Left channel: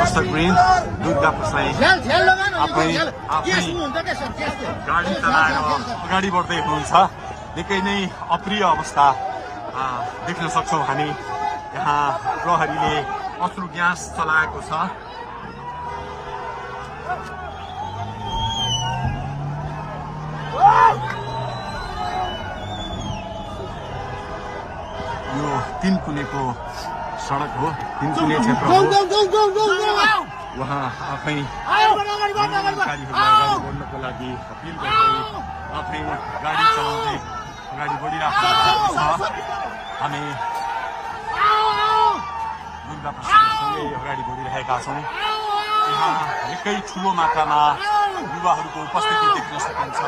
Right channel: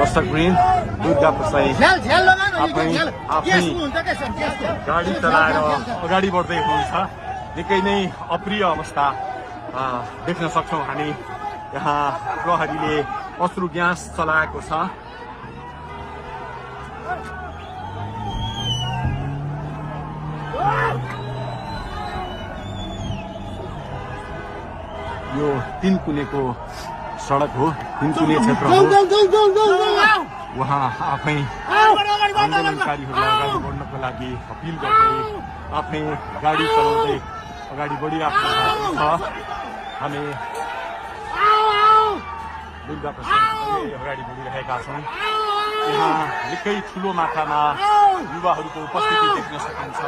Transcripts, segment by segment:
दर्शकवृन्द दुर्गा प्रसाई आफै गाडी चलाएर अगाडि बढ्दै हुनुहुन्छ। निकै नै अप्रिय अवस्था देख्न सक्छौं हामी। यहाँ प्रहरीले अश्रु ग्यास चलाएको छ। यो तीनकुनेको सडक हो, तीनकुने क्षेत्र हो। उहाँ आफै आफ्नै गाडी चलाउँदै अगाडि बढिराख्नु भएको छ। हामी दुर्गा प्रसादसँगै अगाडि बढिरहेका छौँ। यहाँ निकै ठुलो मात्रामा युवाहरूको उपस्थिति देख्न सकिन्छ।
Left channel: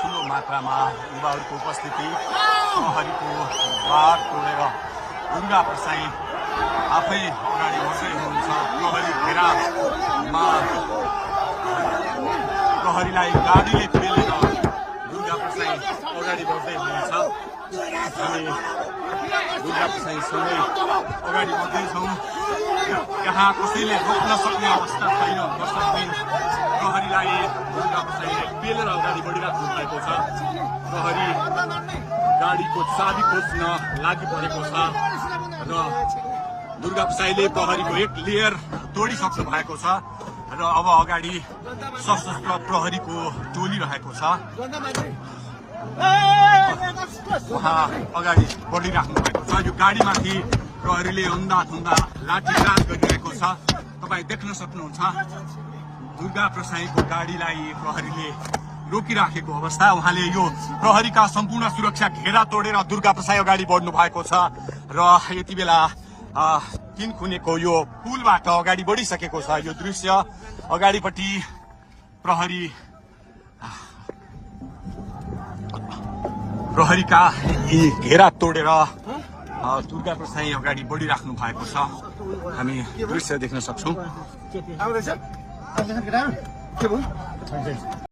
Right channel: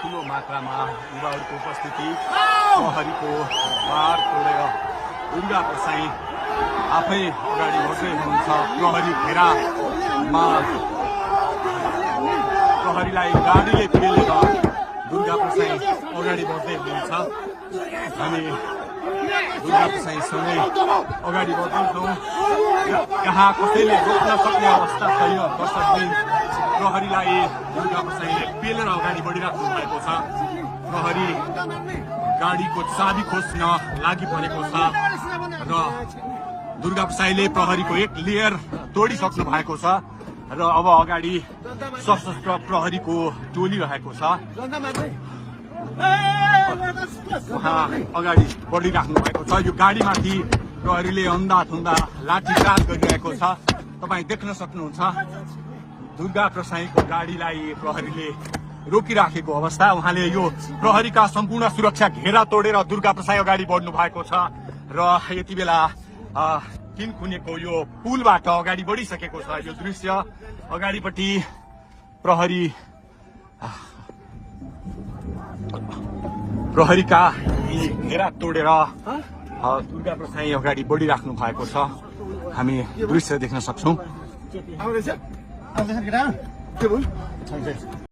ठुलो मात्रामा युवाहरूको उपस्थिति, प्रहरीको बार तोडेर दुर्गा प्रसाई आफै अगाडि बढ्दै हुनुहुन्छ। प्रहरीलाई गाडीले पेलेर दुर्गा प्रसाई अगाडि बढ्दै हुनुहुन्छ। हामी अगाडि बढ्दैछौँ। यहाँ कसैले रोक्न सक्ने अवस्था छैन। प्रहरीलाई दुर्गा प्रसाई पेलेर अगाडि बढिरहेको भएको छ। प्रहरी गाडीको चाबी खोज्न लागि परेको छ र दुर्गा प्रसाईले प्रहरीको एक लेयर तोडिसक्नु भएको छ र अब अगाडि सशस्त्र प्रहरीको टोली रहेको छ। उहाँ अगाडि बढिराख्नु भएको छ। यो गाडीमाथि प्रहरीले अन्धाधुन्दा लाठीचार्ज गरिरहेको छ। तपाईँ देख्न सक्नुहुन्छ दुर्गा प्रसाईको गाडीलाई प्रहरीले रोकिराखेको अवस्था। उहाँले यो प्रहरीका सम्पूर्ण सुरक्षा घेरा तोडेर दुर्गा प्रसाई अगाडि बढ्नु भएको छ र यति बेला तीनकुनेको यो पुलबाट अगाडि बढिसकेको छ। यो दृश्य अगाडिपट्टि प्रहरीका यी घेरा तोडेर दुर्गा प्रसाई अगाडि बढिराख्नु भएको छ। हामी दृश्य देख्न सक्छौं।